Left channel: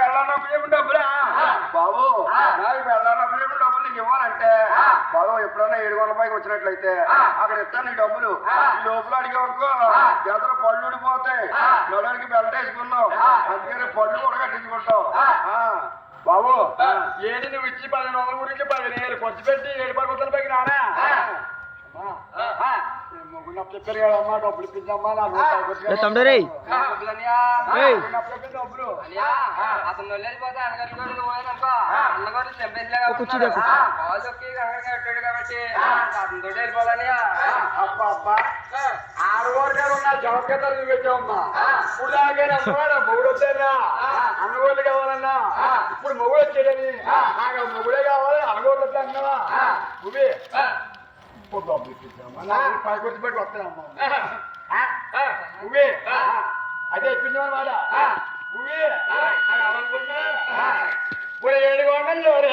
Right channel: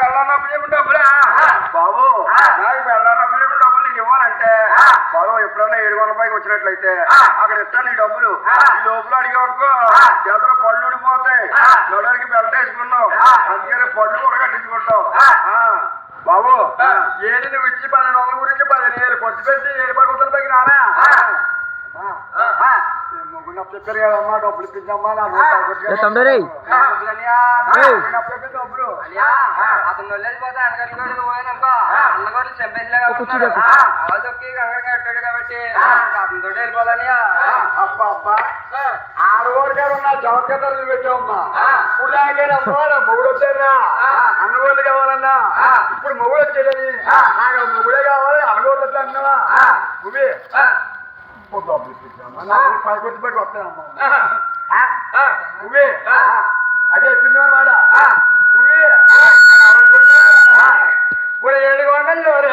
పెళ్ళనప్పుడు డబ్బులా బాబు నాకు పెళ్ళనప్పుడు డబ్బులు నీకు ఇవ్వాలంటే బాబు ఎప్పుడన్నా 700 పైకి వచ్చినట్లయితే అక్కడ ఇస్తాను నీ డబ్బులు ఈ లోపల అడిగేవనుకో ఎదురు పళ్ళు ఊడిపోతాయి నడునికి బెల్ట్ వేసుకున్నావు అందుకని పళ్ళు కూడా కట్టించుకుంటావు బాబు ఏది నువ్వు ఇచ్చి 1200 గురించి 15,000 ఖర్చు పెట్టి 7 పరుగుతుల పైకి రానా చెప్పారు కదమ్మా డబ్బులు ఇప్పించమ్మా తమ్ముడు అతను వెళ్ళిపోతే అన్నగారు పోయాననుకో అన్నగారు చంపేసిలా కాబట్టి అతనితో వెళ్ళిపోవాలని అబ్బా అబ్బా 6 వరకు ఉన్న జవకతలు పెట్టామమ్మా ఇప్పుడు దాకేనమ్మా మొగుడు వచ్చారా అన్నగోళ్ళు కావాలన్నా ఇప్పుడు మొగుడు వచ్చేదని నాకు మొగుడే కావాలి అన్నగోళ్ళు వచ్చా అన్నావా నువ్వే డబ్బులు ఇప్పించామా పైకి వచ్చి పెట్టి వస్తానమ్మా నువ్వే అదే ఇప్పించామన్నమాట నువ్వే ఇప్పుడు 700 రే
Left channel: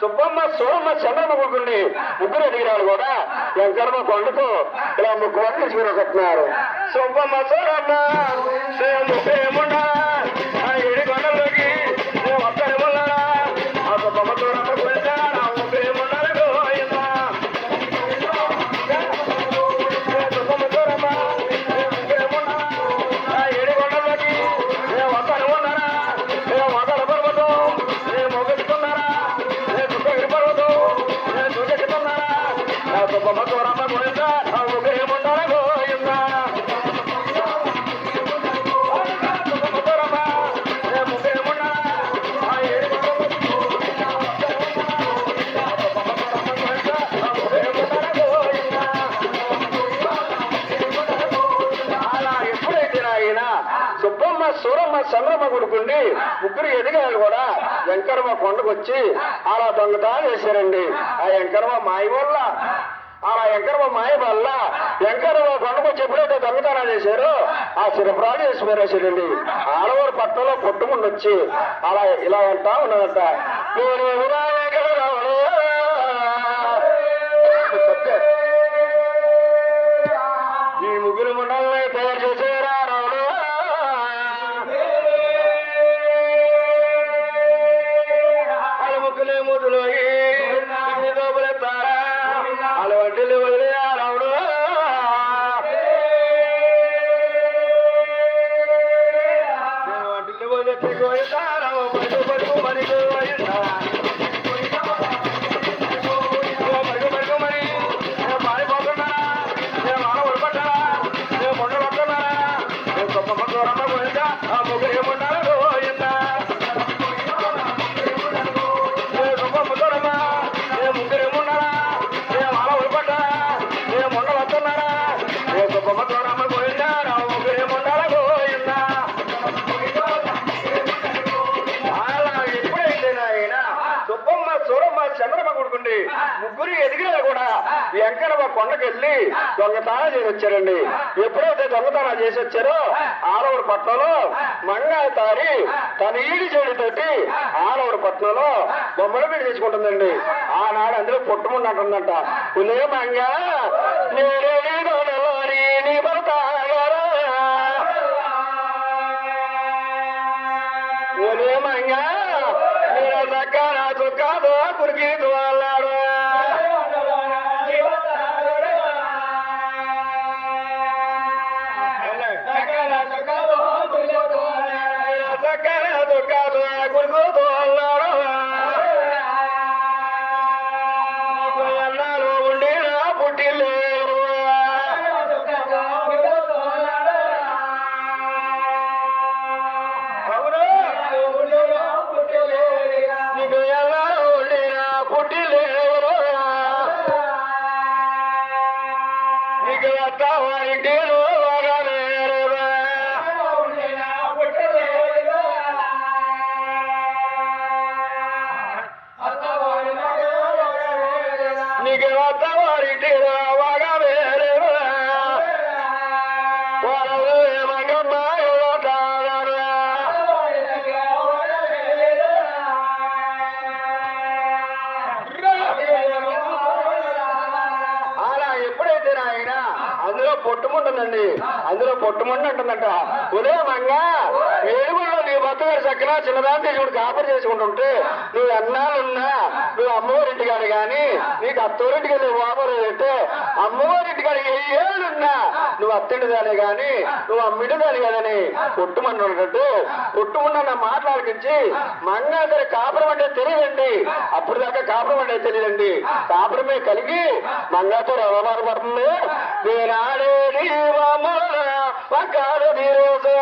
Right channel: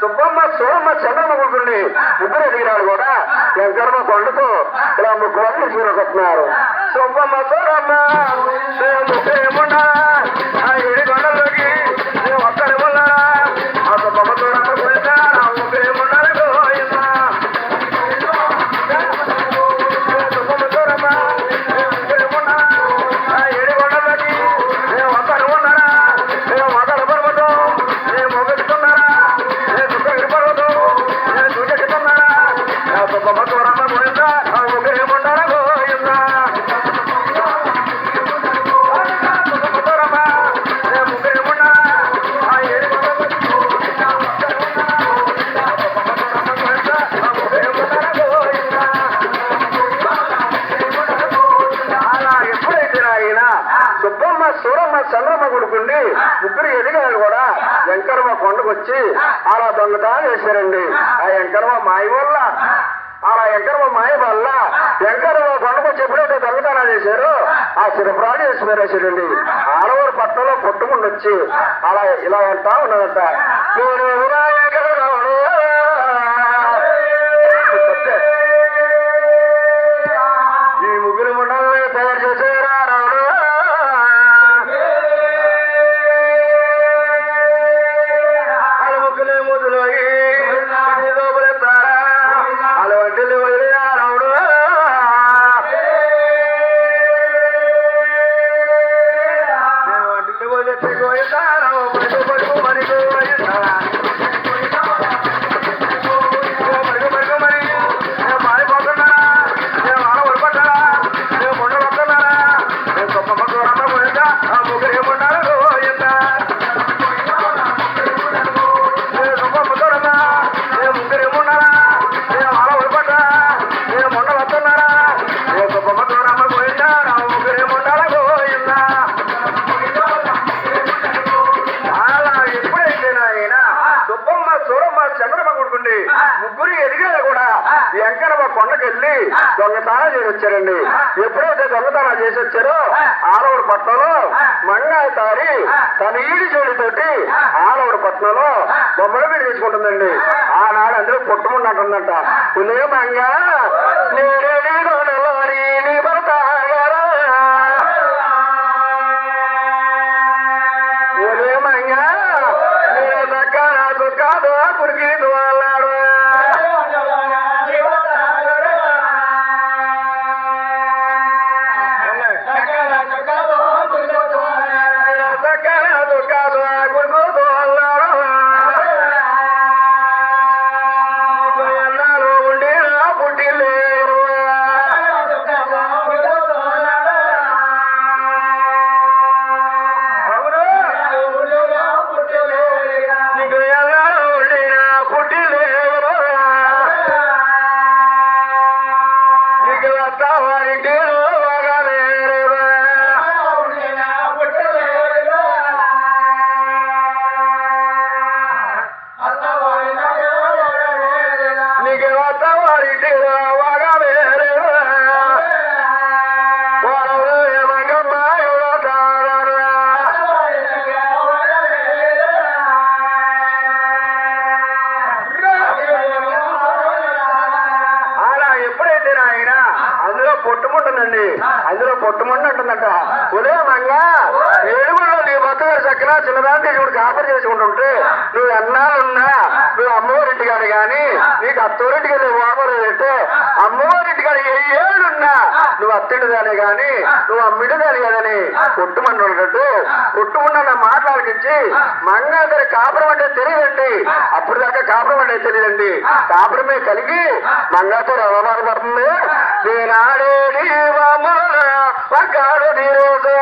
సుబ్బమ్మ సోమ చంద్రమ్మ ముగ్గురిని ముగ్గురు ఎదిగినాడు కూడా శంకరమ్మ కొండకు ఇలా ముగ్గురు తీసుకుని వస్తున్నారు. సుబ్బమ్మ సోరమ్మ ముగ్గురేమున్నా ఆ ఏడి కొండలోకి ఒక్కరేమున్నారా ఆ సుబ్బమ్మ సోరమ్మ గురించి ముగ్గురేమున్నారు సుబ్బమ్మ సోరమ్మ ముగ్గురేమున్నా ఆ ఏడి కొండలోకి ఒక్కరు ఉన్నారా మొదలు పర్వతం మొగుతున్నారా సుబ్బమ్మ సూరమ్మ చంద్రమ్మ కొడుకుండి ముగ్గురు ఎదిగారు కూడా వెంకరమ్మ కొండకు వచ్చి అలా దొంగతనం చేశారండి. ఆ వెంకరమ్మ మాయ వల్ల అలా వెంకరమ్మ మాయ వల్ల వెంకరమ్మ కొండకు వచ్చి ఎప్పుడైతే దొంగతనాలు చేశారో ఆ శిరప్రాలు చేసి మేరేశారండి. ఆడవారు పట్టణంలో కొట్టుకుండి వచ్చి అలా ఇలా అంటా ఉన్నదంట, ఈ ముగ్గురు ముండల్ని తయారు చేసేరా రావడం వెంకన్న ఒక కొండకెళ్ళి దొంగతనం చేసి వచ్చారండి. ఎప్పుడైతే దొంగతనం చేసి వచ్చారో ఆలవూరు పట్నంలో మంగాయ తారి తన ఈడి చెడుతోటి ఆలవూరు పట్నంలో బొమ్మల మీద తీసుకుంటుందండి. ఆనాడు అందులో పుట్టుముండంటుందంట, పులే మంగా నీ భర్త మంగా నేను దక్కన చుక్కాదు కురికి అన్నాడు. పొట్టుముంటుందండి, అందులో పొట్టుముండి అంటుందంట, ఉదయమంగా ఏడుగుల్లో నీ భర్తగారు చక్కన చిన్నదాన్ని ఇప్పుడు కాపరి చేసుకుంటుంటే నువ్వు ఎన్నాళ్ళున్నా నువ్వు అమ్మవారింటికాడు కానీ నీకు అత్తవారింటికి వెళ్ళి వాపరు అంటే అమ్మవారింటికాడు ఏ ఏళ్ళున్నా నువ్వు అత్తింటిదాని కానీ నువ్వు అమ్మిటిదాని కదని పొట్టుమంటున్నట్టు పొట్టుముండ మాట్లాడికించి మంగాదరి కాపురం అంటే తెలియదండి. అప్పుడు దాకా కాపురం అంటే తెలియదండి. కాపురమే కలిగి మంగాతో రవమాన పడుతుంది. నేనాడే ఒక్కడు రోజు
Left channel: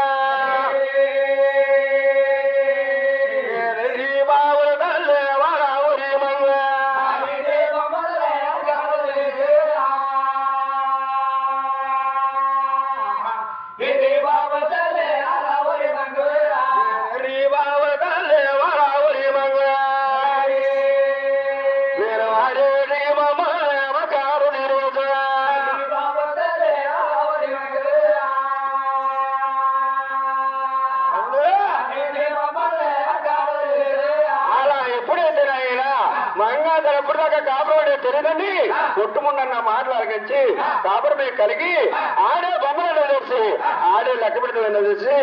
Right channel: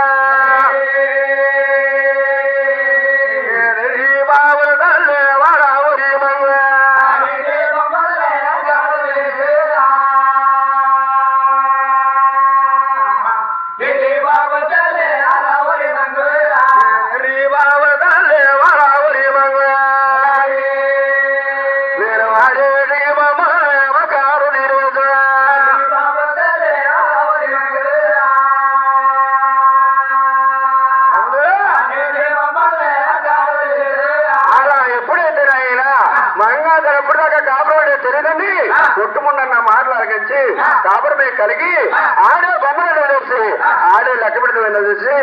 బాబుల తల్లి వరావురి మంగ తెలియదండి. కొట్టుముండన్న మాటలాగించి కాపురమే కలిగి ఆడే బొమ్మలు చూసి ఆడే లెక్క పెడుతుంది చూసి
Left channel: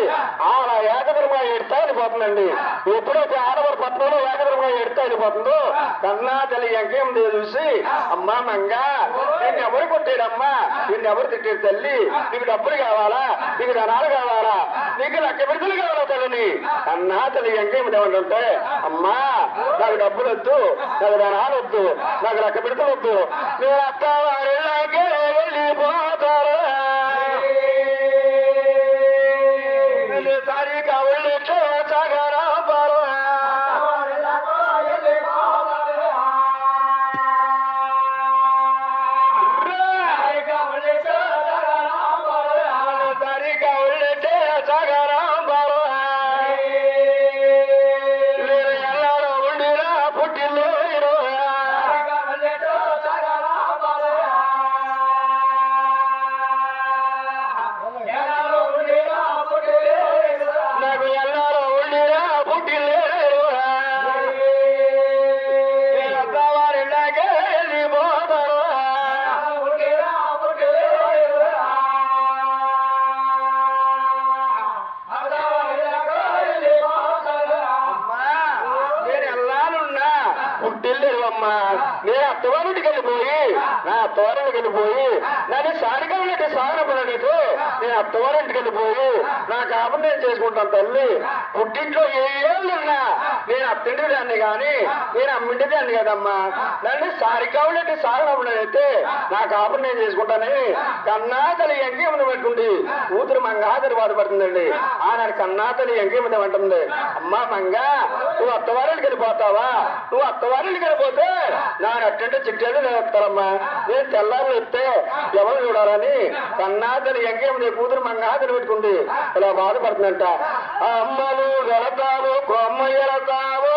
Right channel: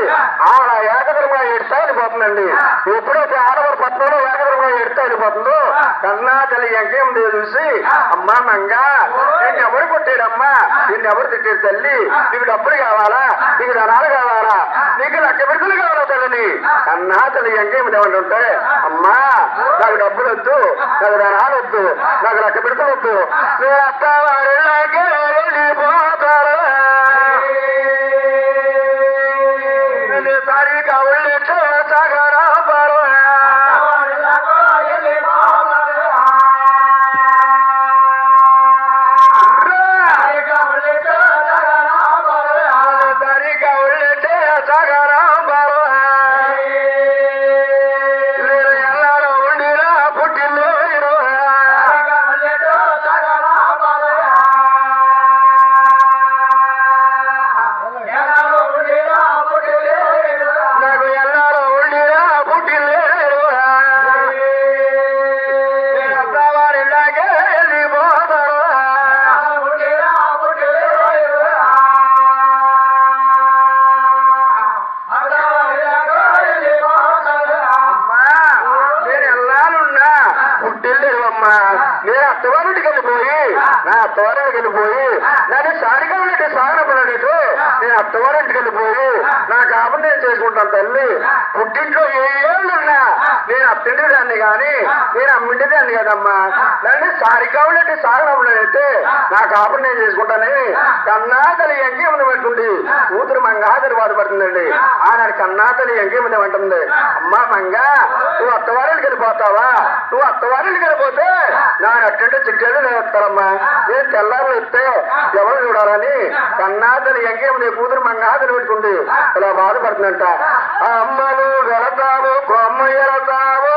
ఆడ ఏకదరంగా ఎడతా వెళ్ళిపోతుందండి. ఎప్పుడైతే ఆడవారి పట్టణంలో ఏకదరంగా ఎడతా వెళ్ళిపోతుందో కన్నా తల్లి ఎంకేం చూసి అమ్మా మంగా నిన్ను ఎవరు కొట్టాడమ్మా, నిన్ను ఎవరు తిట్టాడు తల్లి, నీకు డబ్బులు కావాలా, నీకు ధనాలు కావాలా, నీకు లెక్క పెడుతులు కావాలా తల్లిని కన్నా తల్లి ఎంకేం ఏమంటుంటే అమ్మా నాకు డబ్బులు వద్దు, నాకు ధనాలు వద్దు, నాకు లెక్క పెడుతులు వద్దు, నేను అత్తవారిలాగే వెళ్ళిపోతారు సారీ కావాలి సాగరా పారు నేను అత్తవారింటికి వెళ్ళిపోయి నా అత్తవారింటికి వెళ్ళిపోయి నన్ను సారిగా ఉన్నట్టు సాగనప్పుడు నేను అత్తవారింటికి వెళ్ళిపోయి నా కాపురం నేను చేసుకుంటాను తల్లి. పుట్టింట్లో ఏ ఏళ్ళున్నా నేను అత్తింటి దాన్ని కానీ నేను అమ్మింటి దాన్ని కదమ్మా. నన్ను సారిగా ఉన్నట్టు సాగనప్పుడు అయితే నా కాపురం నేను చేసుకుంటానని కన్నా తల్లి ఎంకేమని పెట్టుకుంది. కూతురు మంగాదరి బాధపడుతుందండి. ఆనాడు కన్నా తల్లి ఎంకేమని అంటుంది, అమ్మా మంగా నువ్వు అత్తవారింటికి వెళ్ళిపోతావా, నువ్వు అత్తవారింటికి వెళ్ళిపోతే నా అట్టంటే చిట్టేది నేను వస్తానమ్మా, నేను తెల్లారులు ఇస్తే ఎవరు చూడాలని కన్నాతని ఎంకేమని కూతురు మంగాతని పెట్టుకుంది. ఇలా బాధపడుతుందంట. అమ్మలు వెళతావు కొమ్మ ఎడతావు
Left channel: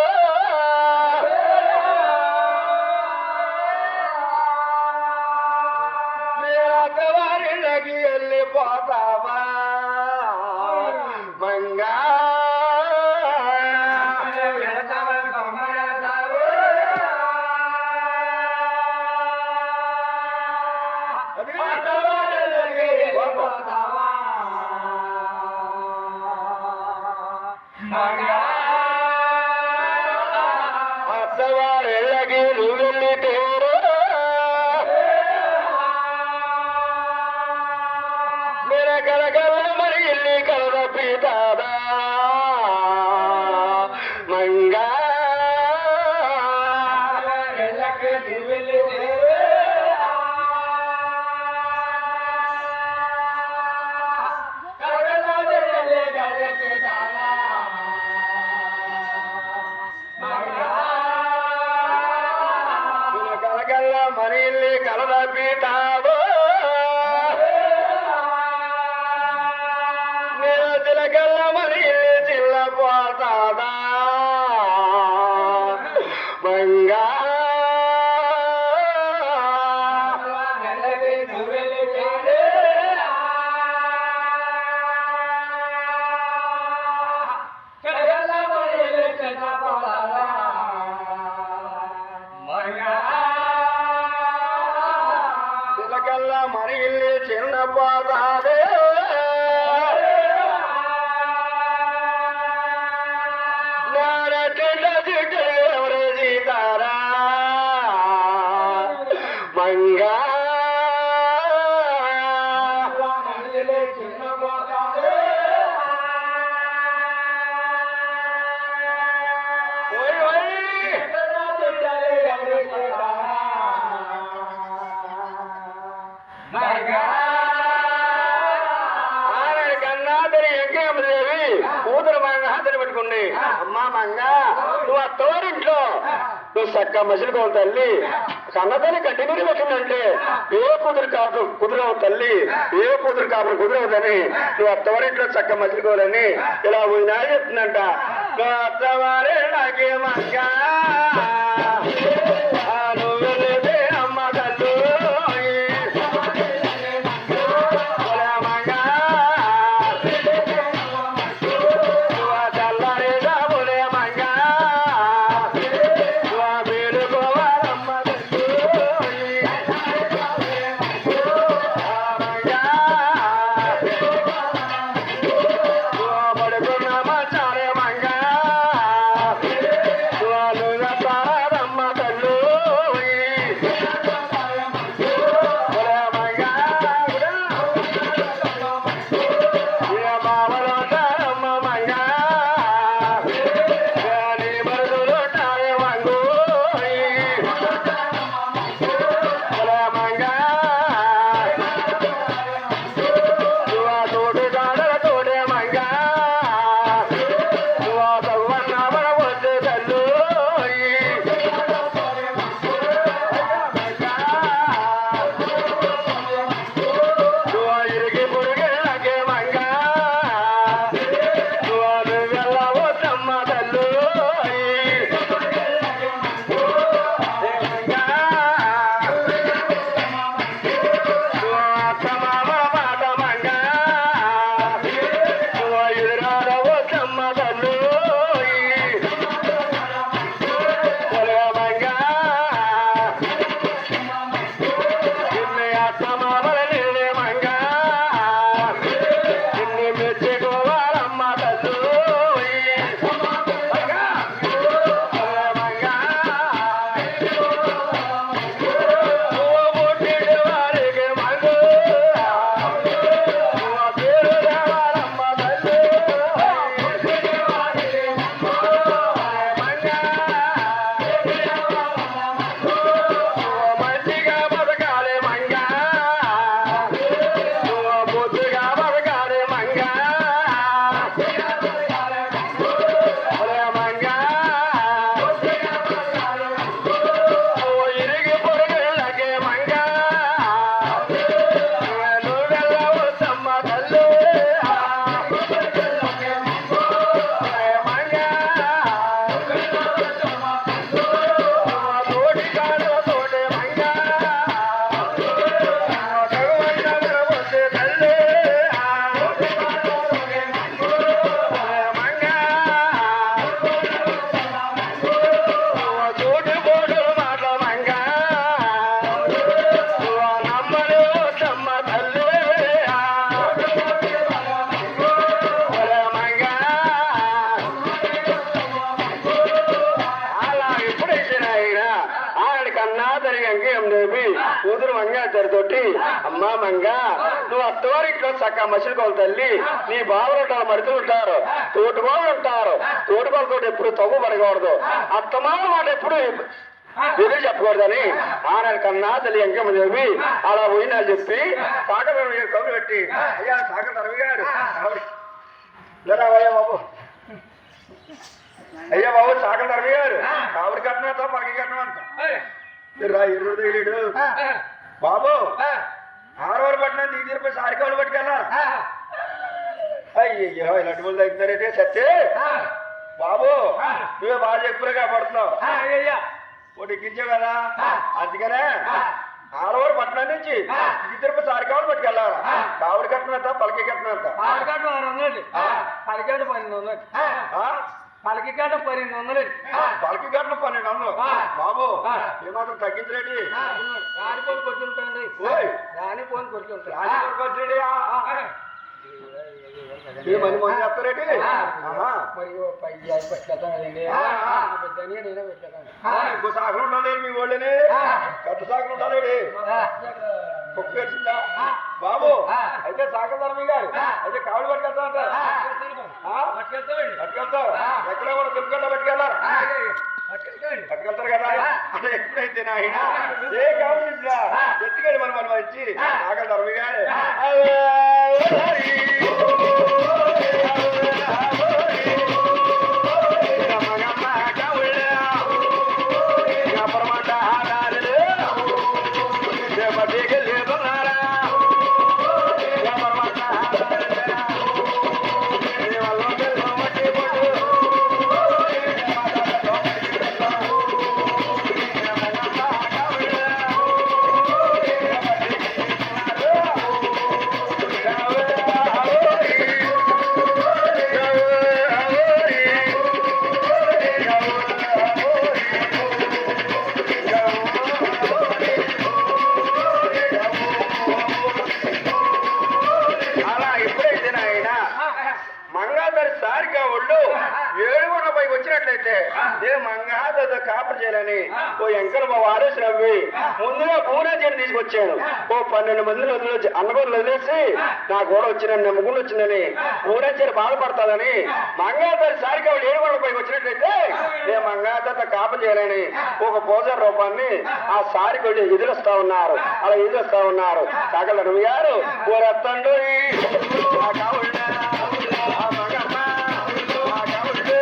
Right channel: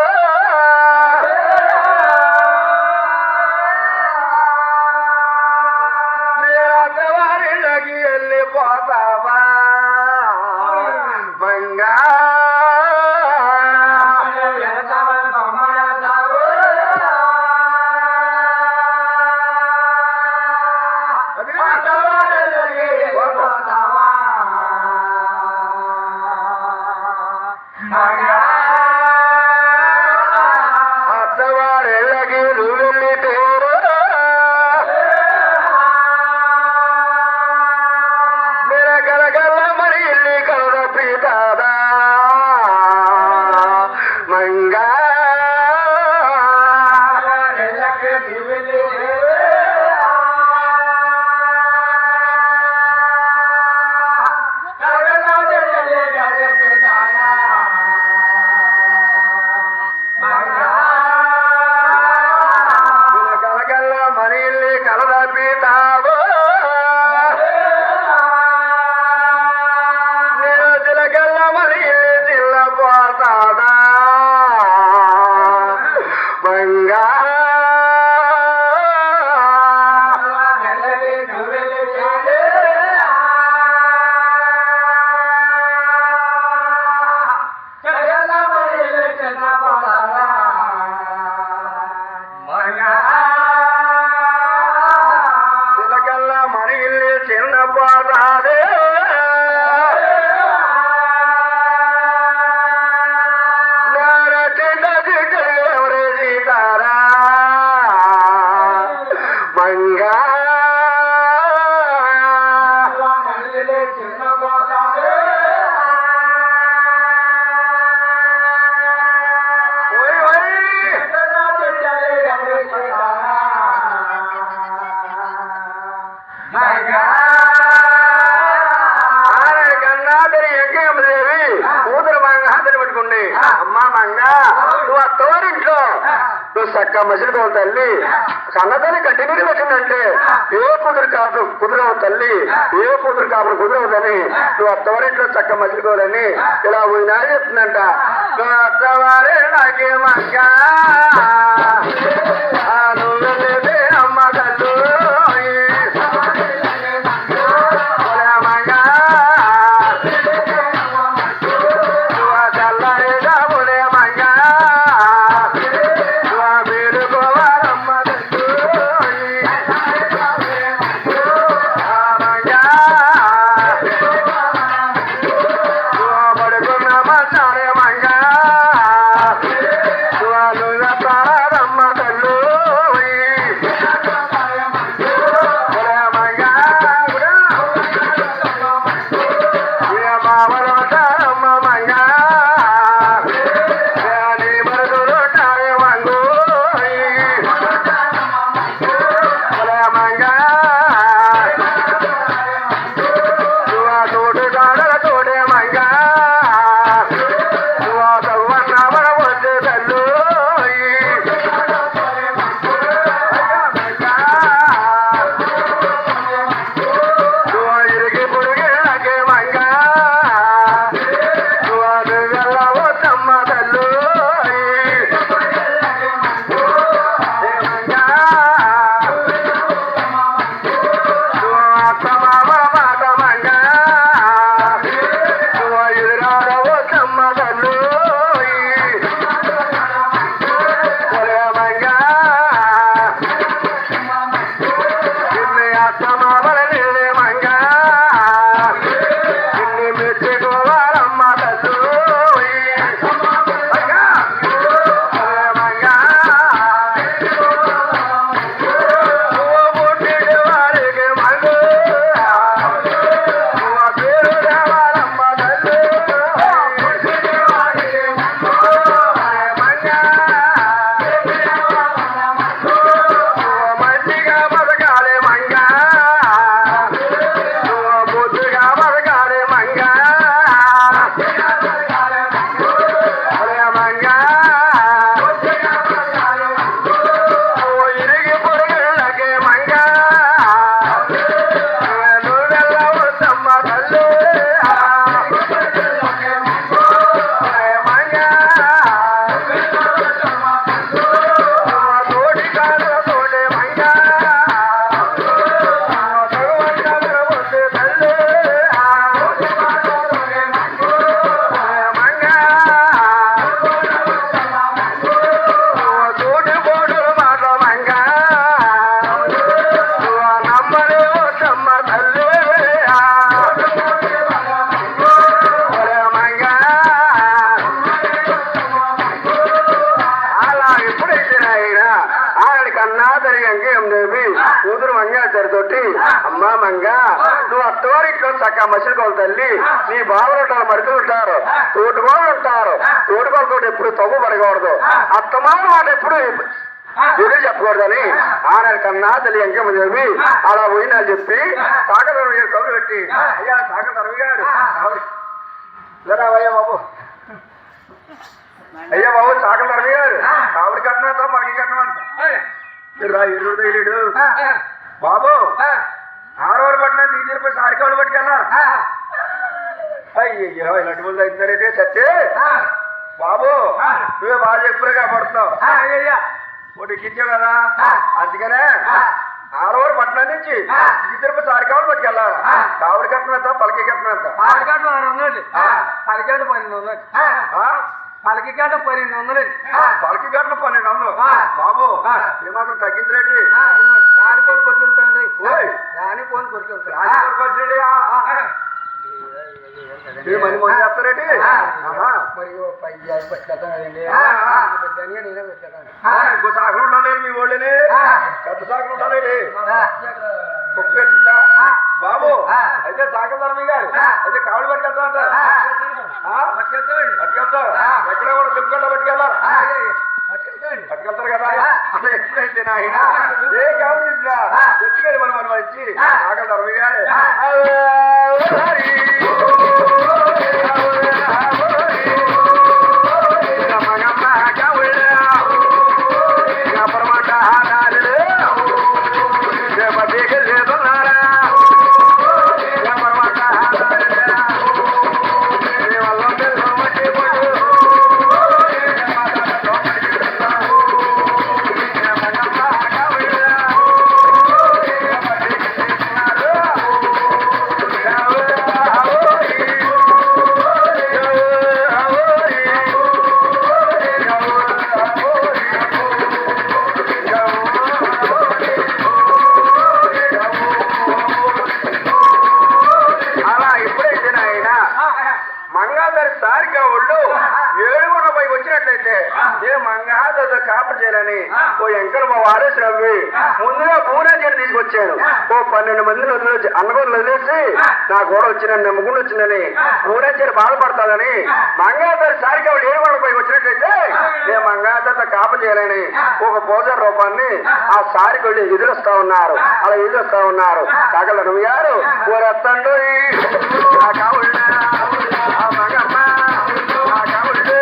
ఊరికి వెళ్ళిపోతావా మంగా అత్తవారెళ్ళకి నువ్వు వెళ్ళితేరు మీరు కలగల్ల మరి ఇల్లి కలద పీతాదా మంగా కలగల్ల మరి ఇల్లి కలద పీతావో నేను చిలకల్ల మరి ఇల్లి చిల్లపోతాదా మంగా చిలకల్ల మరి ఇల్లి చిన్నపోతాదే ఎవరే సీతారా మంగా ఓయ్ ఓయ్ ఆనాడు కన్నాదని ఎంకేమదేవి కూతురు మంగ హాతని పెట్టుకుంది అమ్మా మంగ నువ్వు అత్తవారింట్లో నువ్వు చక్క మసిలికోవు తల్లి కన్నతల్లి కట్టి నీరు పెట్టిందంటే ఏ కూతురు కాపు కుదరవు తల్లి ఏ కూతురు కాపురు కుదరవుదని నువ్వు అత్తవారింట్లో చక్క మసిలికోవాలని ఇలా పోయినా చెప్తుందంట నువ్వు అత్తవారే నాకే మంగ నువ్వు వెళ్ళేదే అమ్మ తల్లు తోడు మంగాతోటి అమ్మా మంగ నువ్వు అత్తవారి ఇంట్లో చక్క మసిలికోవాలి తల్లి నీ బావులు ఉంటారు మరుతులు ఉంటారు తోటుకోళ్ళు ఉంటారు తోటుకోళ్ళతో ఎప్పుడు తగ్గు పడకూడదు అత్తమాన మాట ఎప్పుడు ఎదురు చెప్పకూడదని ఆనాడు కన్నా తల్లి ఎంకమ్మ చెప్పి అలా పోయినా చెప్పి సాగర కబురు పెట్టి అయ్యా సాగర రవి గారు అయ్యా బాబు అయ్యా బాబు సాగర రవి గారు కావిడి కట్టినంత పలకి కట్టమంట ఇరుడు తగిలేడు బాబు ఆడవారు పట్టిన దిగి తిరిగిపోయి సారికాళ్ళు పట్టుకెళ్ళారు అయ్యో ఇలాంటి వాళ్ళు అవుతున్నారైతే సత్తే బాబు నువ్వే బాగా చెప్పులే కాపాడుతున్నావు ఒకటి ఎక్కించావు కదా అందుకనే ఆడవారు పట్టణం నుంచి దిగి తిరిగిపోయి సారికాళ్ళు పట్టుకెళ్ళారు కావిడి కట్టినంత పలకి కట్టినంత పలికేట 1200 పలికికాట 1200 పలకి కట్టిన 1200 బాబు ఏమాత్రం తగ్గించలేడి రానిపోని కొట్టుంటాండి రానిపోని కొట్టుంటాడు మంది మంది చెప్తారేటి ఇంకో సాగులు ఉండాలి మీ వాళ్ళని పెద్ద సాగులు ఉండాలి బాబు అయితే సాగల ధర్మయ్య గారు అయితే కావిడి పట్టుకెళ్తా పట్టుకెళ్తారు ఎక్కడ కూడా తిరుపతి పట్టుకెళ్ళారు పట్టుకెళ్తారు కదా అలా ఎప్పుడైతే నాయన ఏ కావిడి ఎత్తుకెళ్ళి మనం వచ్చి సాగల ధర్మయ్య గారు కాపర్ చేయాలని ఓ ఎంకర మా వారేసి రవ్వి ముందుగా పూనా చెడు తీసుకొచ్చాను ఓ 12 మందిని వదిలేసి అన్నగోలు వదిలేసి నా కూడా వచ్చిందని నమ్ముకుని వచ్చిందని పూనా చెడు బాధపడతాదని మంగాదారి సారిగా వాళ్ళు ఏడుగొండ పైకి వచ్చినట్లయితే నేను మంగాదారితో కాపర్ చేయాలని ఒక పూజారి రూపాన్ని ఆ సారికి వెళ్ళి ఎదురొస్తా ఉన్నారు అలా ఎదురొస్తా ఉన్నారు కాకల రవి గారు ఓ రత్తండు ఆ కావుళ్ళ ఆ మగమ్మ ఆ కావుళ్ళు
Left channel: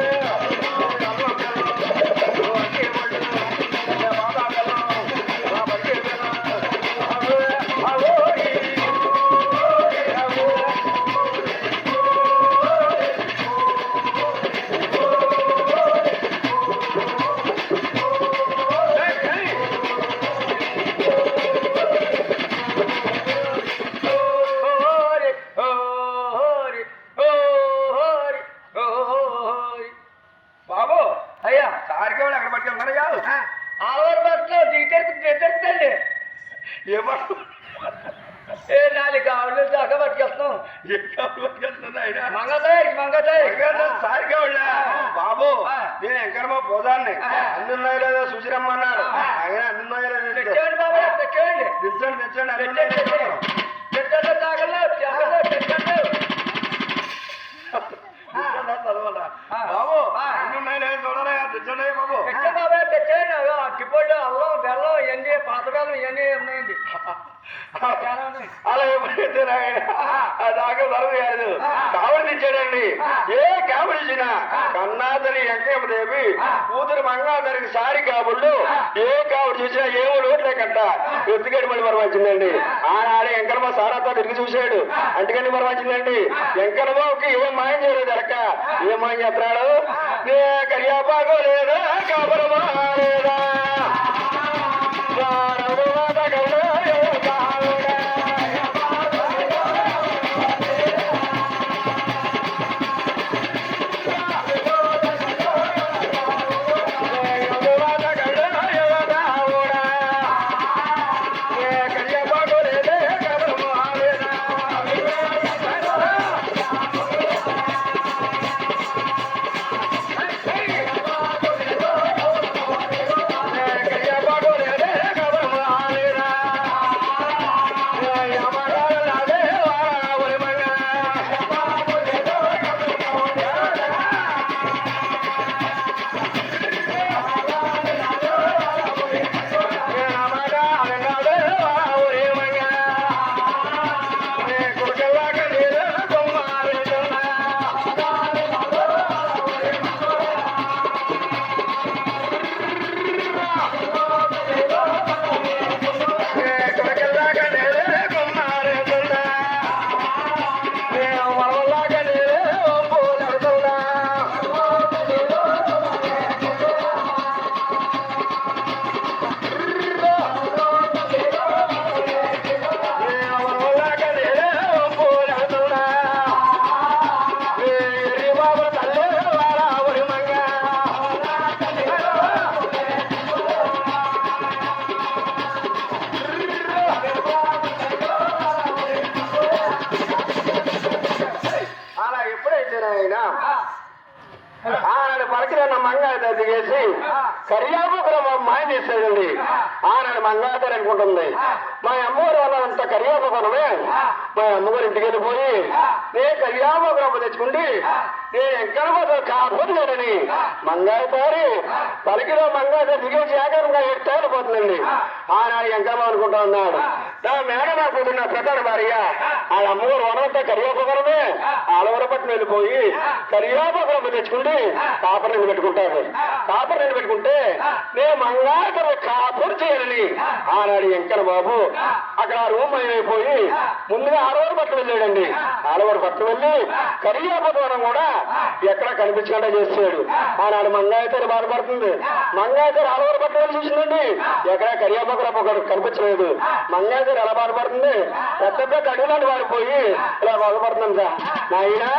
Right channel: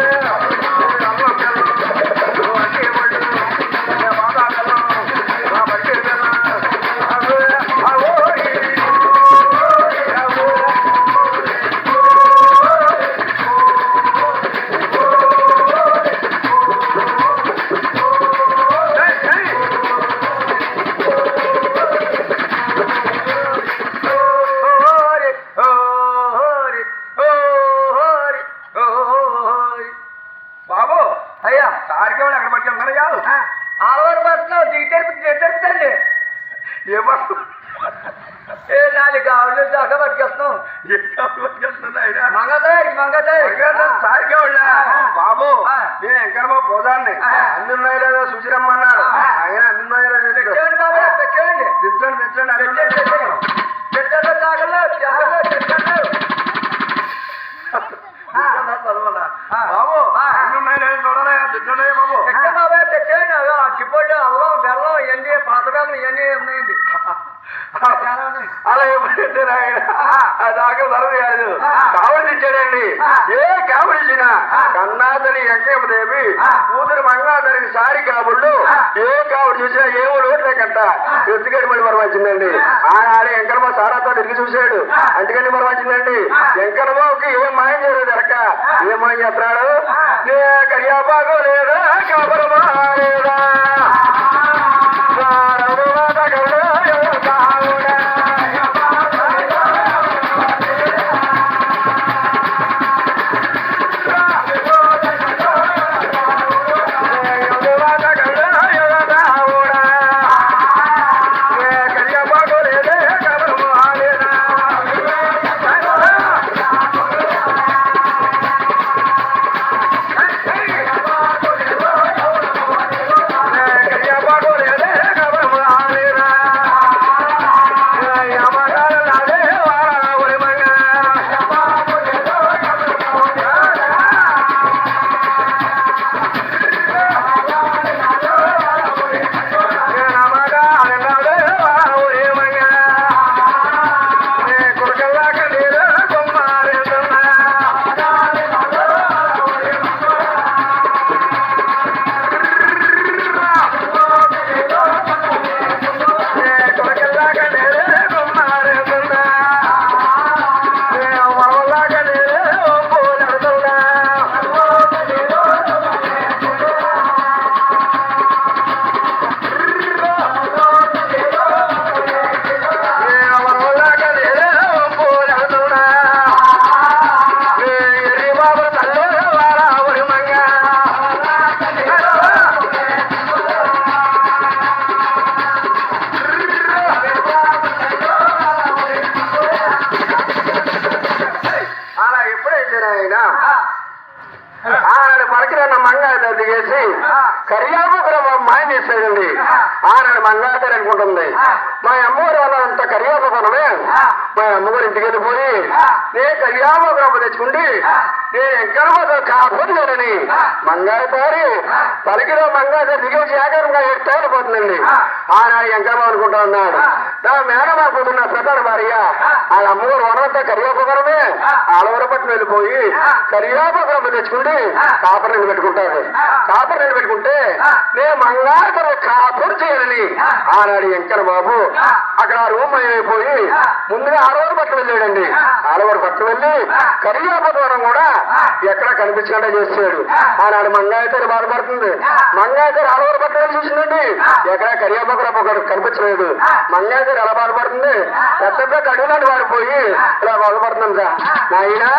బాబు నేను ఎంకరమా పోదాన్ని అన్నున్నాయి లేదా చూసిరమ్మన్నారు ఆయన అన్నున్నాయి బాబు అన్నున్నాయి లేదా చూడరా తెచ్చండి బాబు తెచ్చేయండి అక్కిపొడి అల్లం బెల్లం ఇవన్నీ పాత బెల్లం ఇవన్నీ ఉన్నాయండి అలా ఎప్పుడైతే దాకా ధరది కాదు కావడి తెచ్చాడండి ఏ కావడి ఇచ్చినా కన్నాతని వెంకయ్యదేవి కూతురు మంగాధరికి సారి కాబుళ్ళు ఏ కావడి చూసినా ఏమో లోట్లేకంట ఎత్తుగడి మళ్ళీ మరం వచ్చిందండి ఆనాడే వెంకరమ్మ సారాతో తిరిగి చూశాడు అంటికండి మరం వచ్చిందండి వెంకరమ్మకి ఏం మాయం చేయలేదు ఎరక్క ఏం మాయం చేస్తున్నాడు నే కరియాపాకో లేదా కాపురమా లేదా ఆయన ఆనాడు పలికిన మంగాత దిగేసి కరియాపురం మాయం చేసేదండి. ఆనాడు మంగాత అనుకుంటుంది మా అమ్మగారు వల్ల అంత కరియాపురమే మా అమ్మగారు ఇంటికి వెళ్ళిపోయి నేను కరియాపురం తెచ్చుకుంటే నేను ఎక్కడ కాపోతున్నాడని మంగాతారి పలికిన మంగాత దిగేసి ఏకరంగా ఎట్టేళ్ళిపోతుందండి. ఆనాడు ఎంకరమ్మ అనుకుంటా ఉన్నాడు నా మేడం అనుకుంటున్న ప్రధాన భార్య వాళ్ళ అమ్మగారు వనంతా కరియాపురమే ఆలవరపట్నం వెళ్ళిపోయి కరియాపురం తెచ్చుకుంటే కాపర్ నిన్ను పెట్టుకుంటాడు. కాపర్ నిన్ను పెట్టుకుంటే నేను మంగారు కాపురు చేయాలని ఆనాడు వెంకన్న బాబు అక్కడ రూమ్ అయిపోయి ముందుగా ఆడవారు పట్టు వెళ్ళాడండి. ఆడవారు పట్టు వెళ్ళి కరియాపురం కూడా ఎక్కడ కనిపించకుండా చేసాడు. ఆనాడు మంగాయతేరు బాధపడుతుంది. మంగాయతేరు ఆడవారు పట్టు వెళ్ళి చూసిందండి. ఎక్కడ కరియాపురం ఒకటి కనిపించలేదు. మంగాయతేరు ఎలా బాధపడుతుంది పెద్ద పెద్ద అడుగులాంటి వాడిపోయి ఇలా బాధపడుతుంది సార్ నాయనా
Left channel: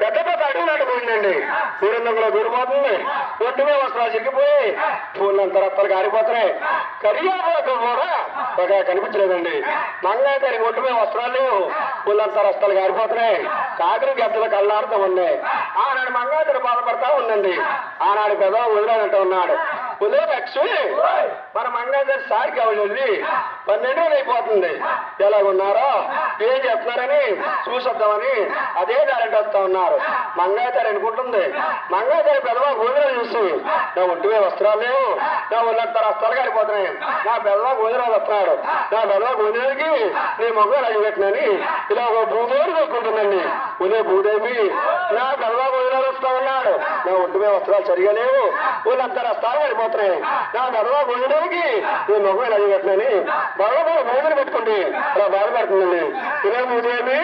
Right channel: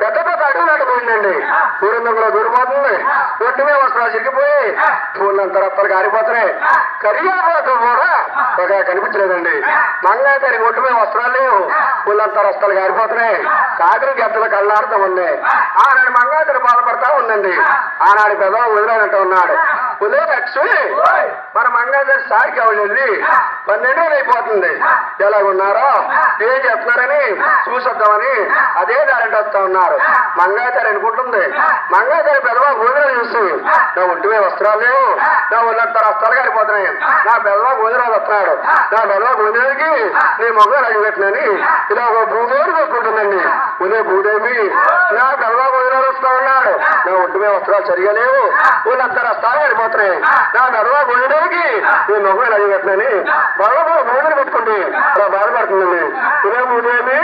పెద్ద పెద్ద అడుగులాట పోయిందండి. ఊరందులో దూరిపోతుంది. ఒట్టుమే వస్త్రాలు చిరిగిపోయి పూలంత రప్పలు కారిపోతున్నాయి. కరియాపాకు కూడా ఒక కనిపించలేదండి. మంగాతారికి ఒట్టుమే వస్త్రాలు లేవు. పూలంత రస్తాలు కారిపోతున్నాయి. కాకిరి గద్దలు కళ్ళాడుతూ ఉన్నాయి. ఆనాడు మంగాతారి బాధపడతా ఉందండి. ఆనాడు పెద్ద వదిలేనట్టు ఉన్నాడు. ఉదయ లక్ష్మి మన మంగాతారి సారికి ఎవరు వెళ్ళి 12 రోజులు అయిపోతుంది. ఎలాగున్నారో ఏం చెప్తున్నారని చూసొద్దామని అదే దారంటే వస్తా ఉన్నారు. మంగాతారి అనుకుంటుంది. మంగాతారి పెద్దవా గోధురాలు చూసి నా ఒంటిమే వస్త్రాలు లేవు. నా ఒళ్ళంతా రస్తాలు కారిపోతున్నాయి. నా పెద్దవా గోధురాలు వస్తున్నాడు. నా పెద్దవా గోధురాలకి నీ మొగ్గ రాజు పెట్టినని ఇలా ఒక భూదేవి కొట్టుకుంటుందండి. ఉదయ భూదేవి నా పెద్దవా గోధురాలు వస్తా ఉన్నాడు. నా ఒంటిమే వస్త్రాలు సరిగా లేవు. ఒళ్ళంతా రస్తాలు కారిపోతున్నాయి. నా పెద్దవా గోధురాలకి నీ మొగ్గ రాజు పెట్టినని బాగా భూమిని పెట్టుకుంది అలా బాధపడుతుందండి. ఉదయ భూదేవి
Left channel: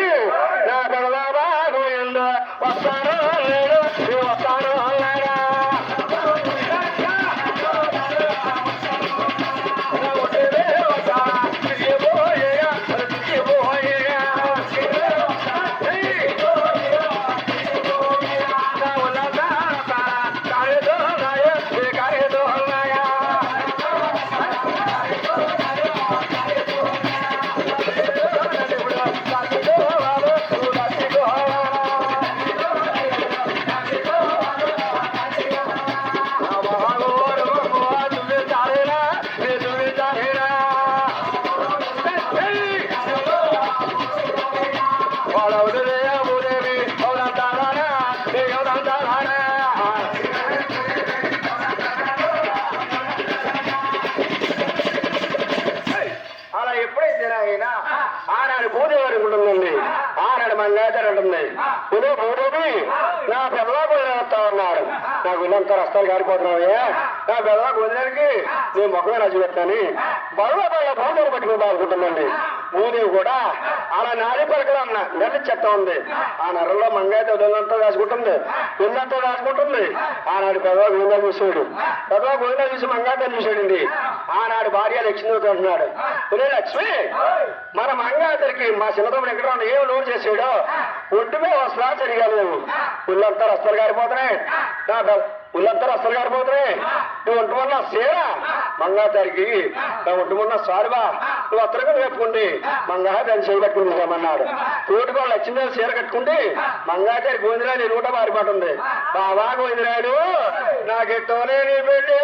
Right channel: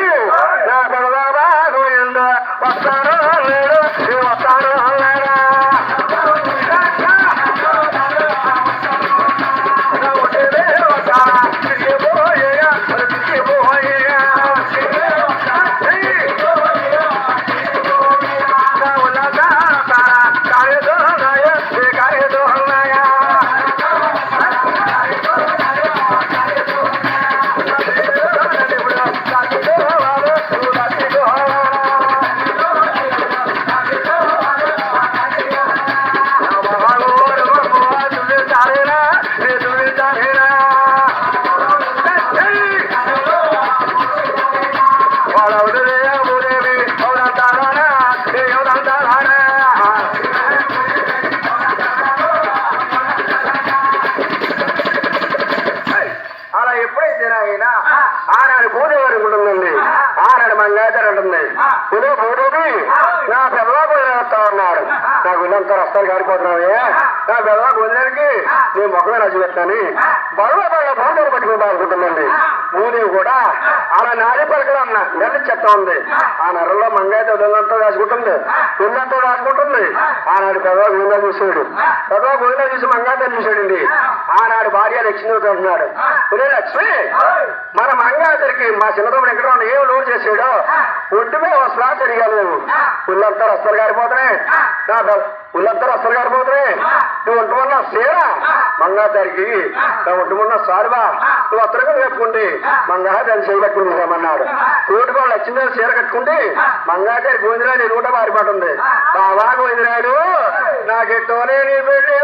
నా పెద్దవా గోవిందా వస్తాను లేడు వస్తాను లేడా ఆనాడు భూదేవి ఉంటుందండి. ఆనాడు మంగాచారి ఉంటుంది. ఇదే భూదేవి నా పెద్దవా భోజనం వస్తా ఉన్నాడు. నాకు ఇల్లంతా రస్తాలు కారిపోతున్నావే. నా పెద్దవా భోజనానికి నేను మొక్కమే రాజు పెట్టాను. బరువు బళ్ళ భూదేవి పట్టుకుంటా అనుకుంటుందండి. భూదేవి కూడా అలా నాడి పలకలు అన్న నెల చెత్త ఉంది. ఆ నెలలో మంగాయతో ఇల్లంతా రాసుకుంటుంది. ఇల్లంతా రాసుకుంటుంది. ఆనాడు పెద్దవా గోవిందా చూసాడు. పెద్దవా గోవిందా చూసి మంగాయతో చూసాడండి. ఆనాడు భార్య లక్ష్మీ అంటున్నాడు. ఒరే లక్ష్మి మన మంగాతరికి మా చిన్నతమ్ముడు ఎక్కడ ఏం లోన్ చేసాడో ఒడ్డుమే వస్త్రాలు సరిగా లేవు. ఉల్లంతా రస్తాలు కారిపోతున్నాయి. ఉల్లంతా రస్తాలు కారిపోతున్నాయి. నువ్వు ఒంటి వల్ల సీర మంగాదారికి నా ఒట్టుమున్న సారువా నువ్వు అత్తరగా వేపుకుండి మంగాదారి చేయబట్టుకుని రమ్మన్నాడు. తోటికోళ్ళు వచ్చిందే సీర కట్టుకుంటే మంగాదారి గోవిందరాయలు ఎలుగుట మారిపోతుంది. బాబా గోవిందరాయలు నాకెట్టోనే నీ పెళ్ళి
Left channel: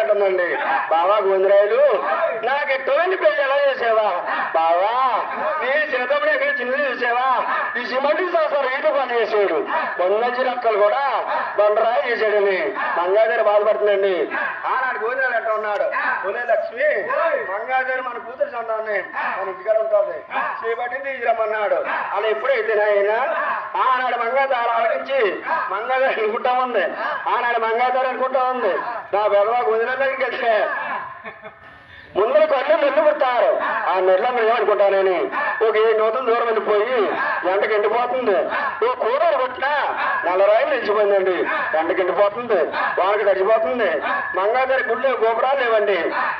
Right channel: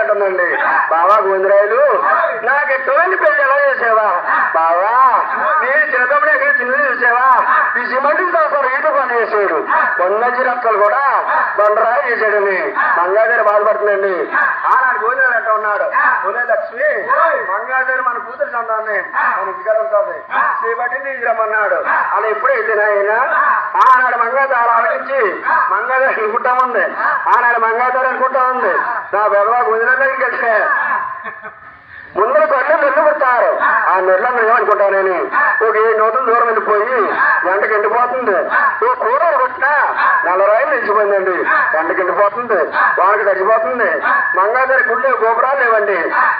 అంటుందండి. బావా గోవిందరాయలు నాకు ఎటువంటి పెళ్లి ఎలా చేసావా బావా? నీ చిన్నతమ్ముడు ఎక్కడ చిన్నది చూసావా? ఈ సిమెంట్ సంవత్సరం ఈట పని చేసాడు. పొన్నజి రక్కలు కూడా బండరాయి చేశాడని మంగాదేవి బాధపడుతుందండి. ఆనాడు గోవిందరాయలు అంటూ ఉన్నాడు, పునే లక్ష్మి మంగాదేవి మన కూతురు సంతాన్ని మన ఇంటికాడ ఉంటుంది శ్రీబట్టి తీసుకురమ్మన్నాడు. అలా ఎప్పుడైతే ఆయన ఆనాడు మంగాదేవి అలా ఆలోచించి మంగాదేవి అనుకుంటా ఉంది. ఆనాడు మంగాదేవి అనుకుంటా ఉంది, నా బెదవా గోవిందరాయలు దగ్గరికి వెళ్తే ముందర కళ్ళు నెల్లు పుడతారు. ఆ నెల్లను ఏమనుకుంటానని ఒక 7 నూతలు దూరం వెళ్ళిపోయి ఎండకి ఎండిపోతుంది. ఓ కూరలు కొట్టినా 4 రాయలు నిలిచిపోయిందండి. ఎండకి ఎండిపోతుంది, వానకి తడిచిపోతుంది. మంగాదేవి గుళ్ళు గోపురాలు లేవండి.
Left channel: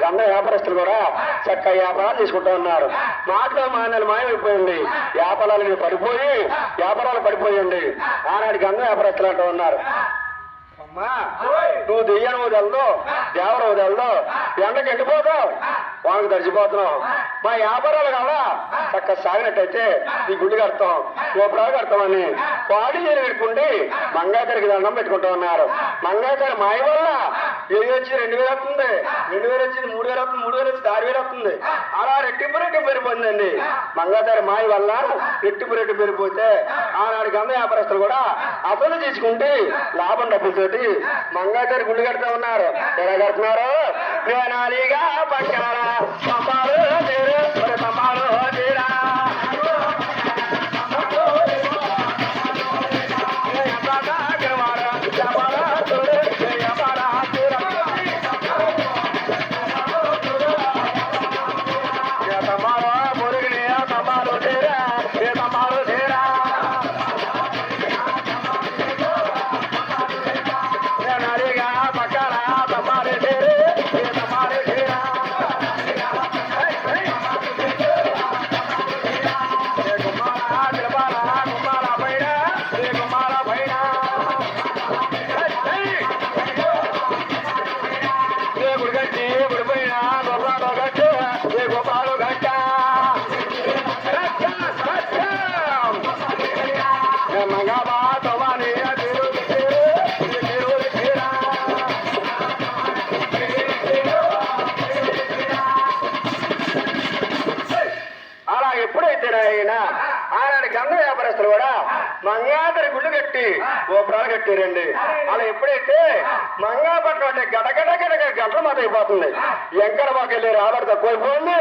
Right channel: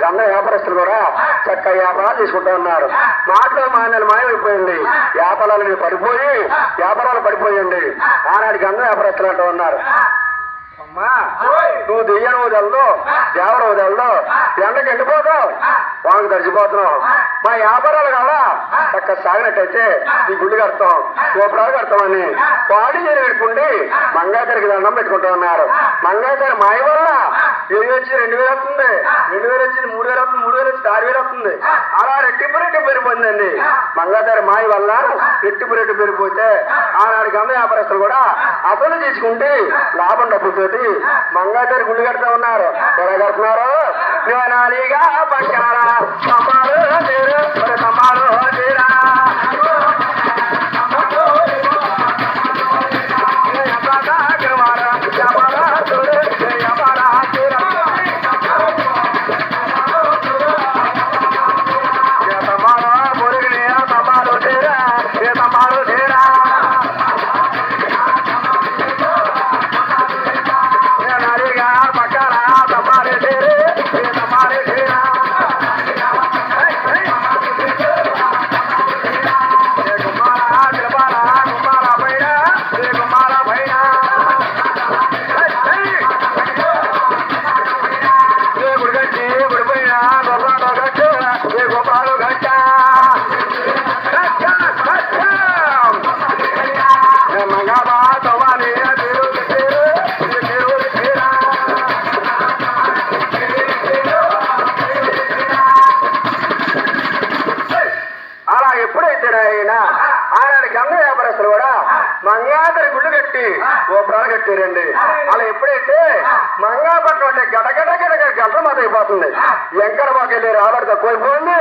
అన్న వ్యాపారస్తులు కూడా చక్కగా వ్యాపారాలు తీసుకుంటూ ఉన్నారు. మాటలో మానేలు మాయమైపోయింది. వ్యాపారాలు పడిపోయండి. ఆనాడికి అన్న వ్యాపారస్తులు అంటూ ఉన్నారు, అమ్మా నువ్వు దెయ్యం వదలదు, దేవర వదలదు, ఎండకి ఎండిపోతావు, వానికి తడిచిపోతున్నావు. మా వ్యాపారాలు కాదా చక్క సాగినట్టయితే నీ గుళ్ళు కడతాం, గోపురాలు కడతామని పాడి చేరి పెట్టుకుంటే మంగాదేవికి దండం పెట్టుకుంటూ ఉన్నారు. మంగాదేవి మాయ వల్ల ఏది వచ్చి 2000 వస్తుంది, 2000 వచ్చింది 3000 వస్తుంది, 3000 వచ్చి 6000 వస్తుంది. అలా రెట్టింపు పెరిగిపోయిందండి. మంగాదేవి మాయ వల్ల రెట్టింపు పెరిగిపోతే ఆనాడికి అందరూ వ్యాపారస్తులు కూడా అసలు తీసుకుంటే లాభం డబ్బులతోటి మంగాదేవి గుళ్ళు కడతా ఉన్నారు. ఎలా కడుతున్నారు? నాలిగా పట్టారా తమ్మాలు తీరు తమ్మాలు తీరా ఆనాడికి అన్న వ్యాపారస్తులు కూడా మంగాదేవి గుళ్ళు కట్టి గోపురాలు కట్టారండి. అలా ఎప్పుడైతే మంగాపట్నం అంటే గంటల మాట అయిపోతుంది. ఎంకర మాకు వెళ్ళి రాబడి తక్కువైపోయింది,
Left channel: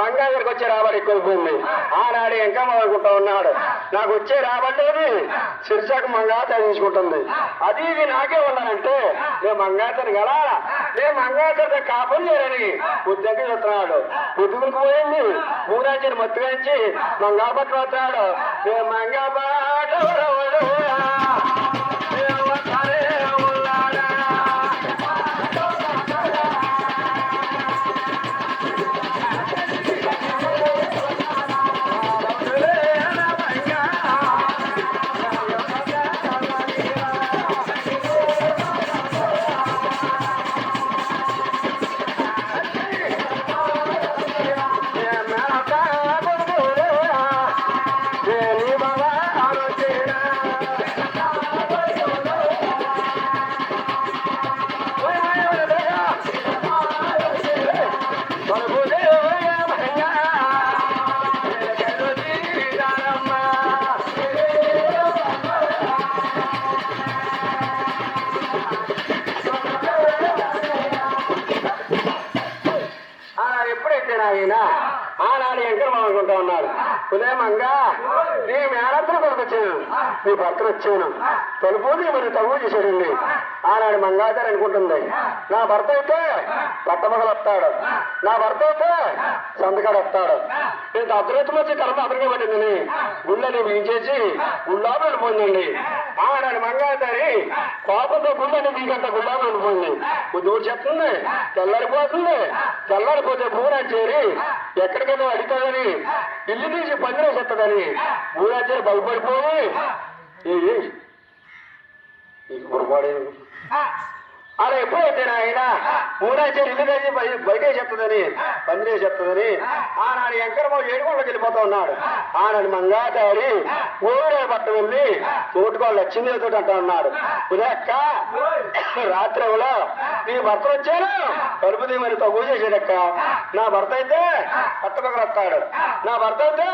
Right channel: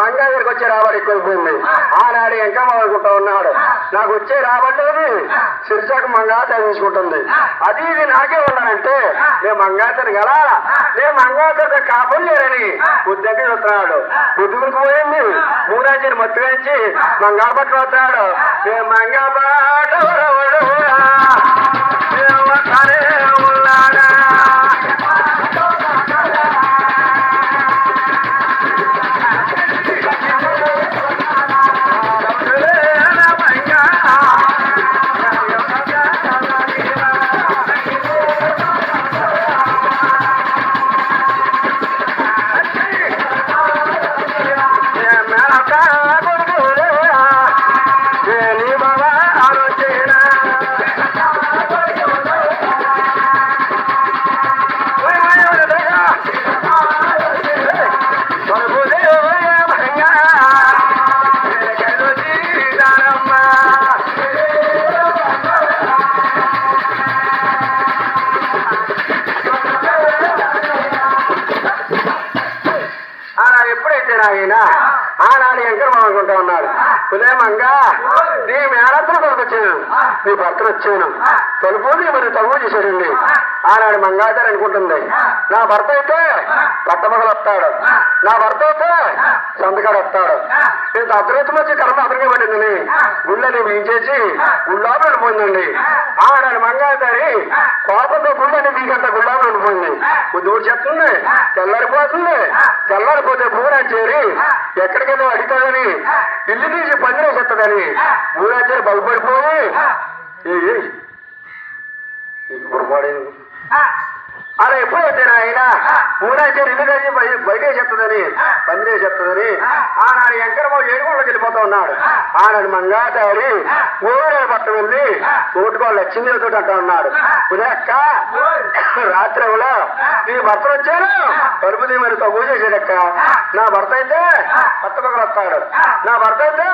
మంగాదేవికి వచ్చే రాబడి ఎక్కువైపోయింది. ఆనాడు ఎంకమ్మ అనుకుంటా ఉన్నాడు, నాకు వచ్చే రాబడి శిర్షకు మంగాదేవి తీసుకుంటుంది. అది ఇది నాకే ఉన్నానంటే నేను మంగాదేవిని కదా, నేను మంగాదేవి కాపులు లేరని ఉద్యోగం చూస్తున్నాడు. ఉద్యోగులకు పోయింది మూరాజీని మత్తుగాంచి మంగాపట్నం వస్తున్నాడు. నేను మంగాపాట ఉన్నాడా మంగా ఎంకరం అనుకుంటా ఉన్నాడు. ఉదయమంగా నీ మేనత్తను కొనుకొచ్చాను, నీ భర్తను వచ్చాను, తలుపుని మరి తవ్వు చేశాడండి. ఆనాడు మంగాచారు అనుకుంటుంది, నా భర్త అయితే పట్టమగలు వస్తాడు, నా భర్త అయితే సంతకాడు వస్తాడు. నేను అర్ధరాత్రి వచ్చి కర్మ అతనికే పట్టిందని గుళ్ళని వీంచేసి గుళ్ళాపు ఉండిపోయిందండి. ఆనాడు మంగాచారి కోపంతో గుళ్ళని వీకంత గుళ్ళాపు ఉండిపోయింది. దూడు చెప్తుంది, తెల్లారిపోతుంది. తెల్లారిపోతే భూనాచేరి ఎక్కడికైనా అడుగుతాడని ఇల్లు తీసి పందిరేసేస్తుందని భూనాచేరి బలపడిపోయి అలా ఎప్పుడైతే ఆయన మూడాచేరి ఇల్లు కలిసి బయటే చెప్తుందని పందిరే చెప్తుందని ఆనాడు ఎంకరబాబు ఏడుకోళ్ళకి వెళ్ళిపోతా ఉన్నాడు. ఆనాడు మంగాచారి ఊరే పట్ట వెళ్ళి తోటుకోళ్ళు లక్ష్మీదేవితో అంటా ఉన్నాడు, ఉదయక్క రాత్రి నీ భర్త వచ్చాను కలుపుది మరి తగ్గు చేసేదక్క. నా భర్త అయితే పట్టపక్కలు వస్తాడు, నా భర్త అయితే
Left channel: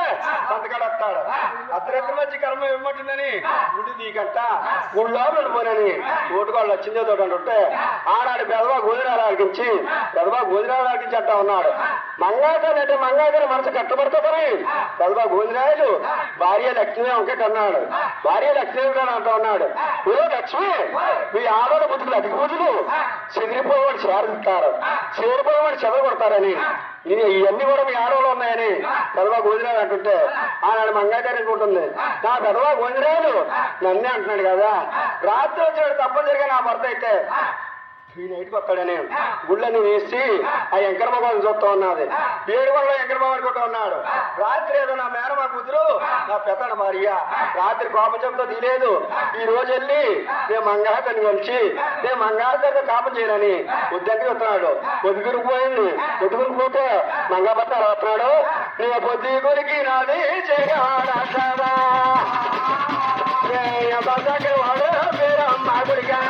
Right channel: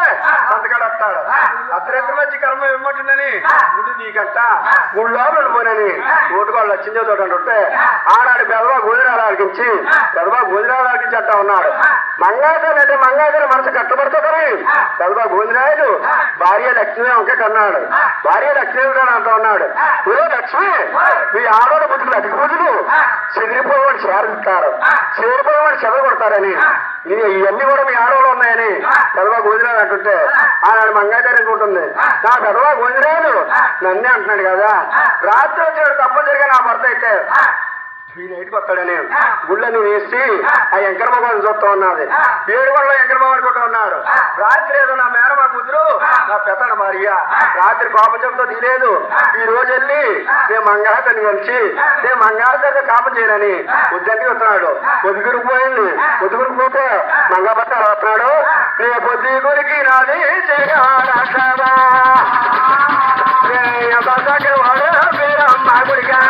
సంతకాడు వస్తాడు. అర్ధరాత్రి వచ్చి కర్మ ఇవ్వమంటుందని గుడి నీకంట గుళ్ళో వెళ్ళిపోయినని తోటుకోళ్ళు లక్ష్మీదేవితో అంటుంటే ఆనాడు పెదవా గోదిరాలు ఆలకించి అంటా ఉన్నాడు. మంగాచారి అంటే మంగాచారి మనసు కట్టబడుతుందని పెదవా గోదిరాయలు భార్య లక్ష్మీ ఒకే కన్నాడు. భార్య లక్ష్మీ అంటా ఉన్నాడు, ఏ లక్ష్మి మీ ఆడవాళ్ళ బుద్ధులు అతి పూజలు చెదిరిపోయేవాడు చేరుతారు, చేరిపోయేవాడు చెదలు కొడతారని ఇవన్నీ కూడా మీ ఆడవాళ్ళు ఉన్నాయని పెదవా గోదిరాలు అంటుంటే ఆనాడు మంగాచారి అనుకుంటుంది, నా పెదవా గోదిరాయలు నన్నే అంటున్నాడు కదా, రాత్రి వచ్చాడు తప్పని జరిగా నా భర్త అయితే ఈ నైట్కి వస్తాడని గుళ్ళని వేసి ఆ ఎంకరబాబుని చూస్తా ఉన్నది. 7 గంటల ఎంకరబాబు అనుకుంటా ఉన్నాడు. రాత్రి ఏదో నా మేనమా కూతురు నా పెద్దన భార్య రాత్రి కోపం చెబుతో తీలేదు. ఈ రోజు వెళ్ళి నేను మంగాతని కలిసి నేను మంగాతని కాపం చేయనని ఉద్దంకి వస్తున్నాడు. ఒదుగురిపోయింది, ఒదుగురిపోతే మంగపట్ట వస్తున్నాడు. నే పొద్దు కొరికి నాది చేయగాడా వాడు పేరమ్మ గుడిగా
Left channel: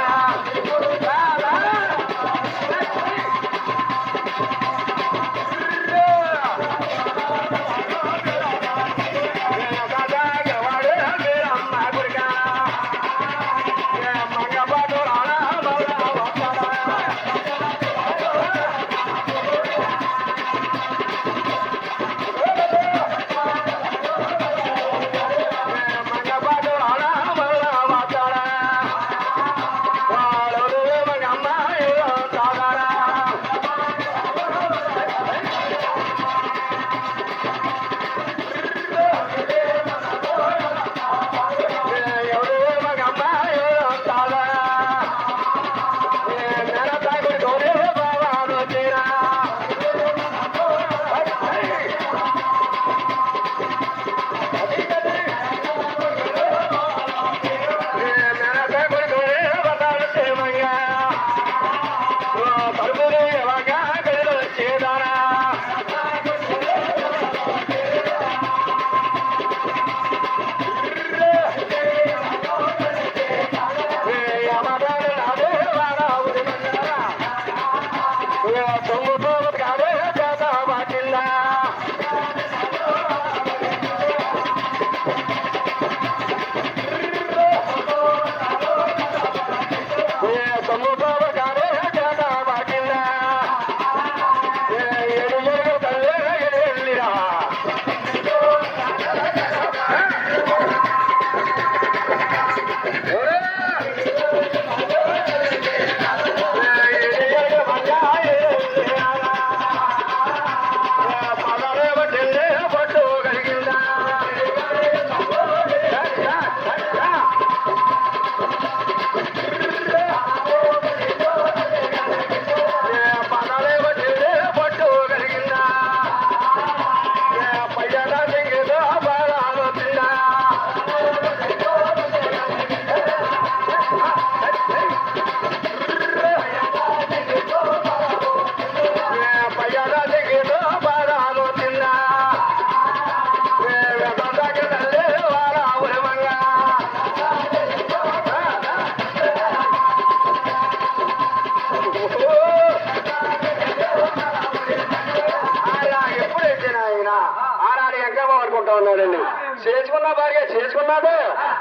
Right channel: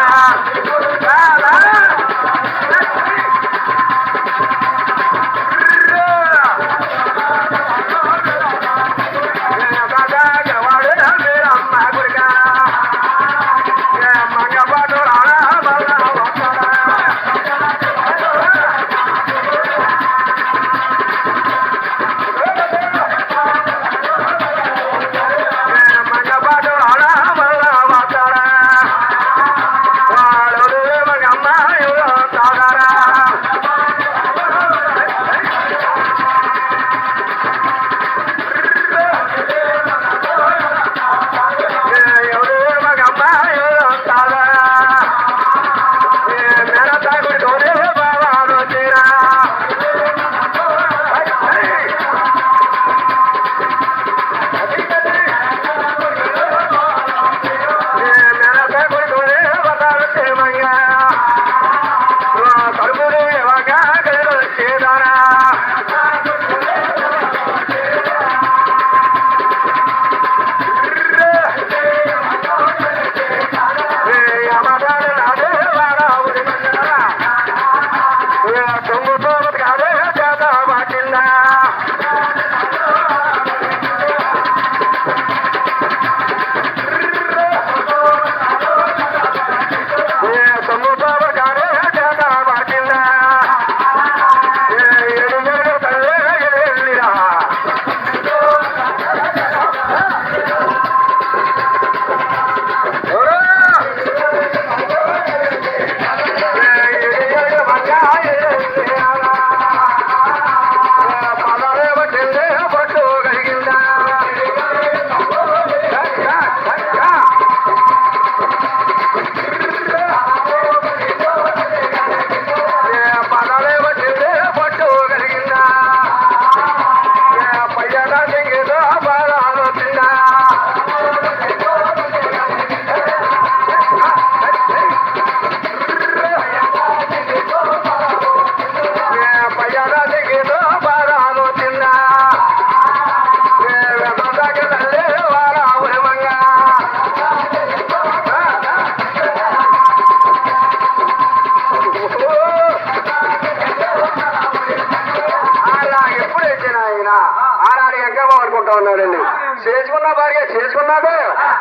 ఉన్నాడండి. చేసుకున్న భార్య చేసుకున్నాదే,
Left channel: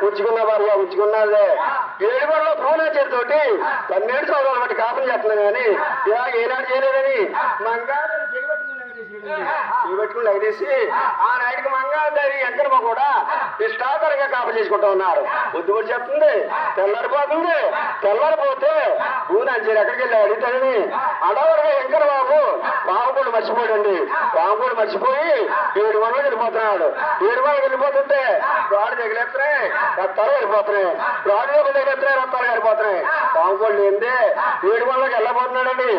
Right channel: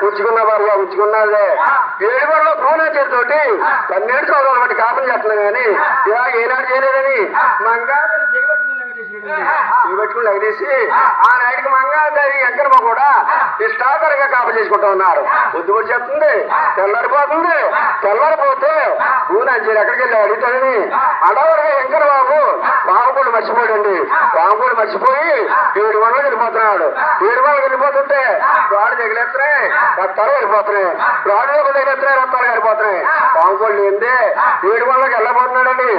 ఉంచుకున్న భార్య ఉంచుకున్నదే. 7 గంటల భువనేశ్వరితోటి 12 సంవత్సరాల బట్టి కాపం చేస్తున్నాం కానీ ఇలాగ ఏనాడు చేయలేదని మంగాదని చేయబట్టుకున్నాక చేసి ఇవి పెట్టుకుని లగదీసి ఆ నాటికి మంగాదారి ఎంకరమ్మ కూడా ఇష్టాకరంగా కాపు చేసుకుంటూ ఉన్నారు. బుద్ధి కూడా చెప్తుంది, తెల్లారిపోతుంది. తెల్లారిపోతే ఊనంజీరు ఎక్కడికి వెళ్ళి అడుగుతాడని అడవరగా ఎంకర బాబు పాముకోడు మర్చిపోయాడండి. పాముకోడు మర్చిపోయి 7 వందలు వెళ్ళిపోతున్నాడు. 7 వందలు వెళ్ళిపోతుంటే రాడు తగిలేస్తున్నాయి, రక్తాలు వెళ్ళిపోతున్నాయి. రాడు తగిలేస్తున్నాయి, రక్తాలు వెళ్ళిపోతున్నాయి. పాముకోళ్ళు ఏంది 7 వందలకి వెళ్ళబోతున్నాడండి.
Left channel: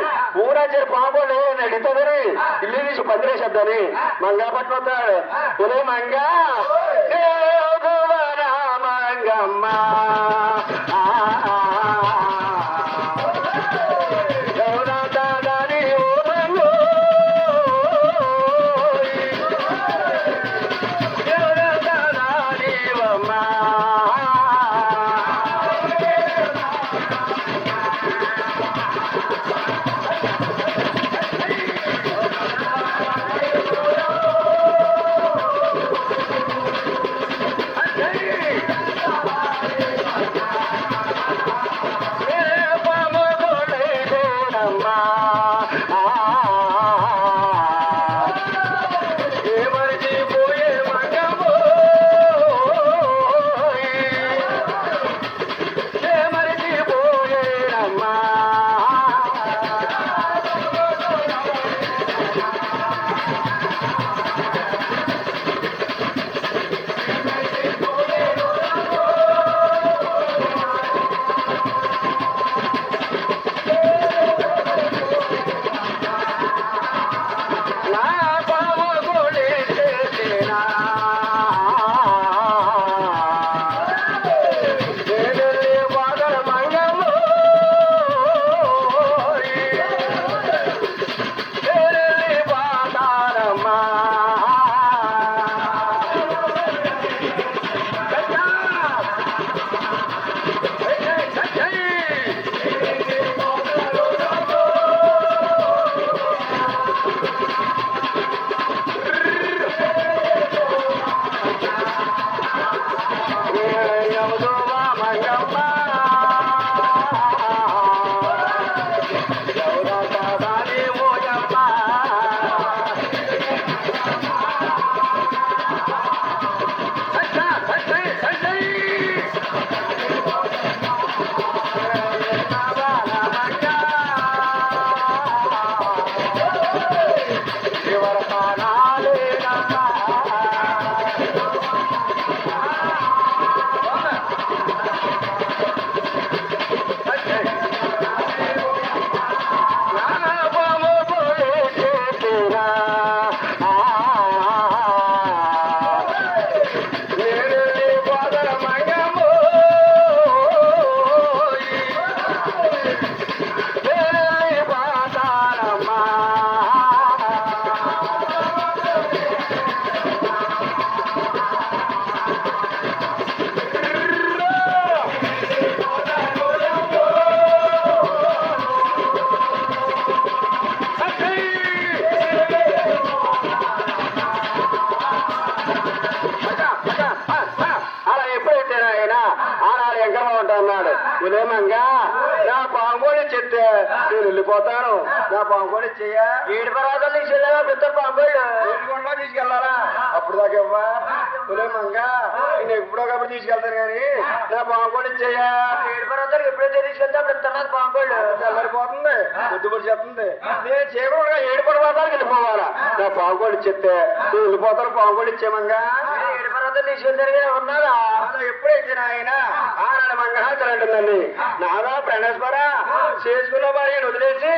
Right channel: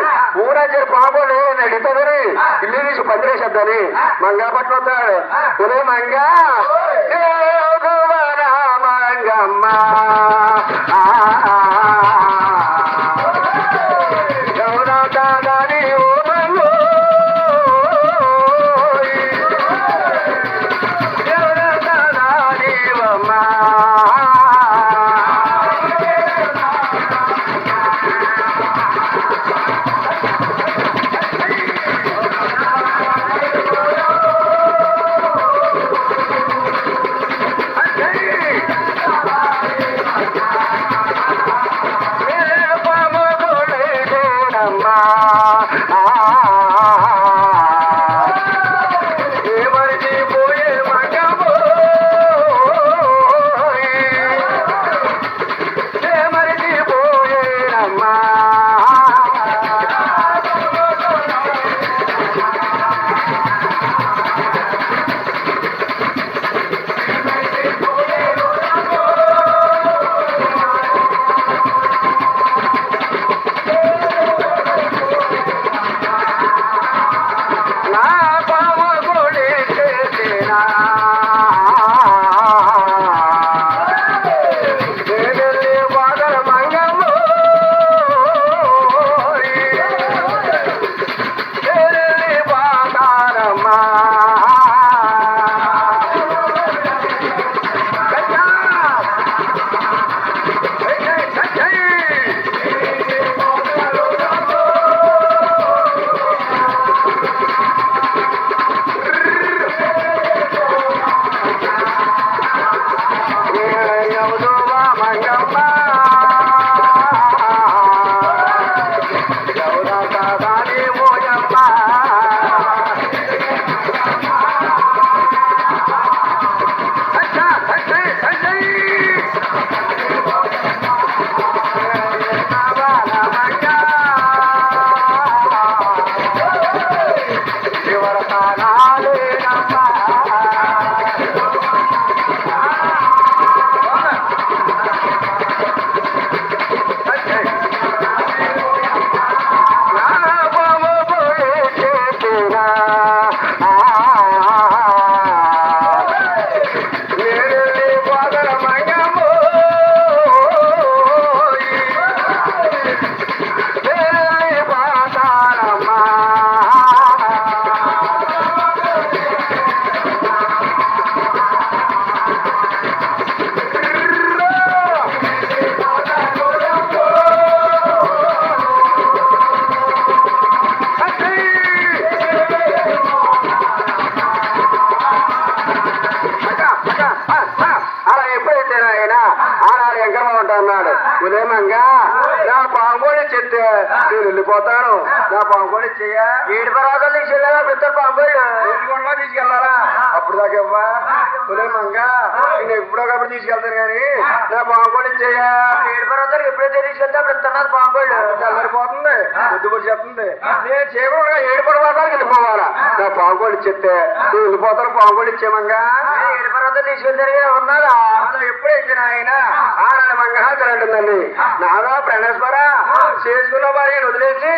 ఊనంజీరు పాముకోళ్ళు అడుగుతుందని ఇల్లు తీసి పందిరేసేద్దని మంగా పట్టుకొస్తాడు. పులే మంగా మంగమ్మ అన్నాడు. ఉదయమంగా నా పాంగోళి చెప్తే నేను వెళ్ళిపోతాను. నా పాంగోళి చెయ్యా 7 పర్వతాలు తీసుకెళ్ళాలా పెద్ద పాంగోళ్ళు కొండలో తీసుకెళ్లాలా? అప్పుడు దాకా ఇవ్వా ఉదయమంగా నేను ఎప్పుడో కాబట్టి తీసుకెళ్తాను కానీ నా పాంగోళి చెయ్యా 7 పర్వతాలు ఎప్పుడైతే తీసుకెళ్తే అప్పుడు ఇస్తున్నారు పాంగోళ్ళు తెల్లరిపోతుంది బుద్ధిపడి చెప్తుంది. నేను చేయకుండా 7 పర్వతాలకు వెళ్ళిపోవాలా? నా పాంగోళి చెప్తే నేను వెళ్ళిపోతాను. పాంగోళి ఇచ్చేమంగా 7 పర్వతాలు తీసుకెళ్తారు ఉన్నారా? ఎప్పుడైతే ఆయన ఆనాడు మంగళాచరణ అంటుందండి. నాదా ప్రణేశ్వర చేసుకున్న భార్యను వదిలేసి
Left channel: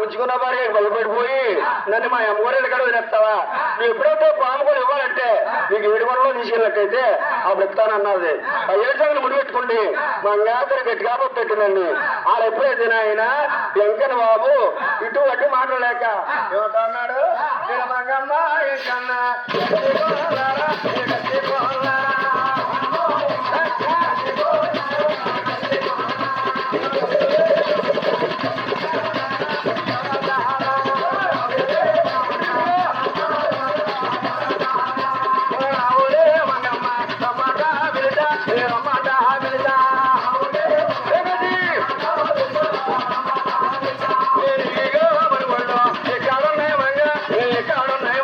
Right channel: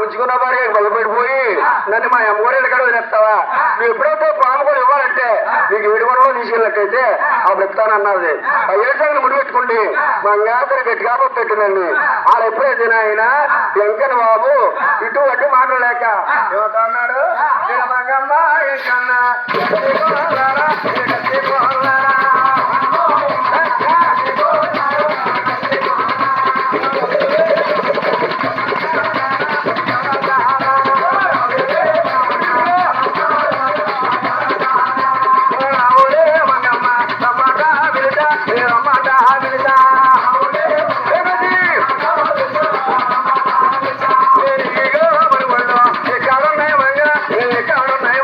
ఉంచుకున్న భార్య కొలపెట్టిపోయి నన్ను మా అమ్మగారి ఇక్కడ వదిలేస్తావా? నువ్వు ఎప్పుడైతే పాము కూడా ఇవ్వాలంటే నీకు 7 వరలో తీసుకెళ్ళినట్టయితే అప్పుడు ఇస్తానన్నది. ఆ 7 సంగతి ముడి పెట్టుకోండి మంగళాచరణ గట్టిగా పెట్టిందండి. వాళ్ళు ఎప్పుడైతే ఆయన వెంకన్న బాబు ఇటు అటు మాట్లాడలేక ఏమంటా అన్నాడు, మంగమ్మ ఏంకన్నా ఎక్కడున్నాయి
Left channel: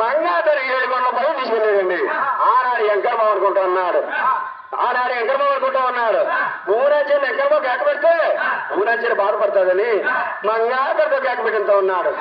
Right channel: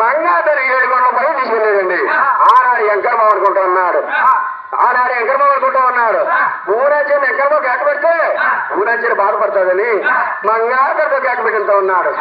మంగాతరి 7 కొండల పై తీసుకెళ్ళేదండి. ఆనాడు ఎంకరబాబు అనుకుంటూ ఉన్నాడు. ఊరాచరణ ఎంకరబాబు కేక పెడితే ఊరాచరణ బాధపడుతుందని మంగాతరితో కేక పెట్టింతా ఉన్నాడు.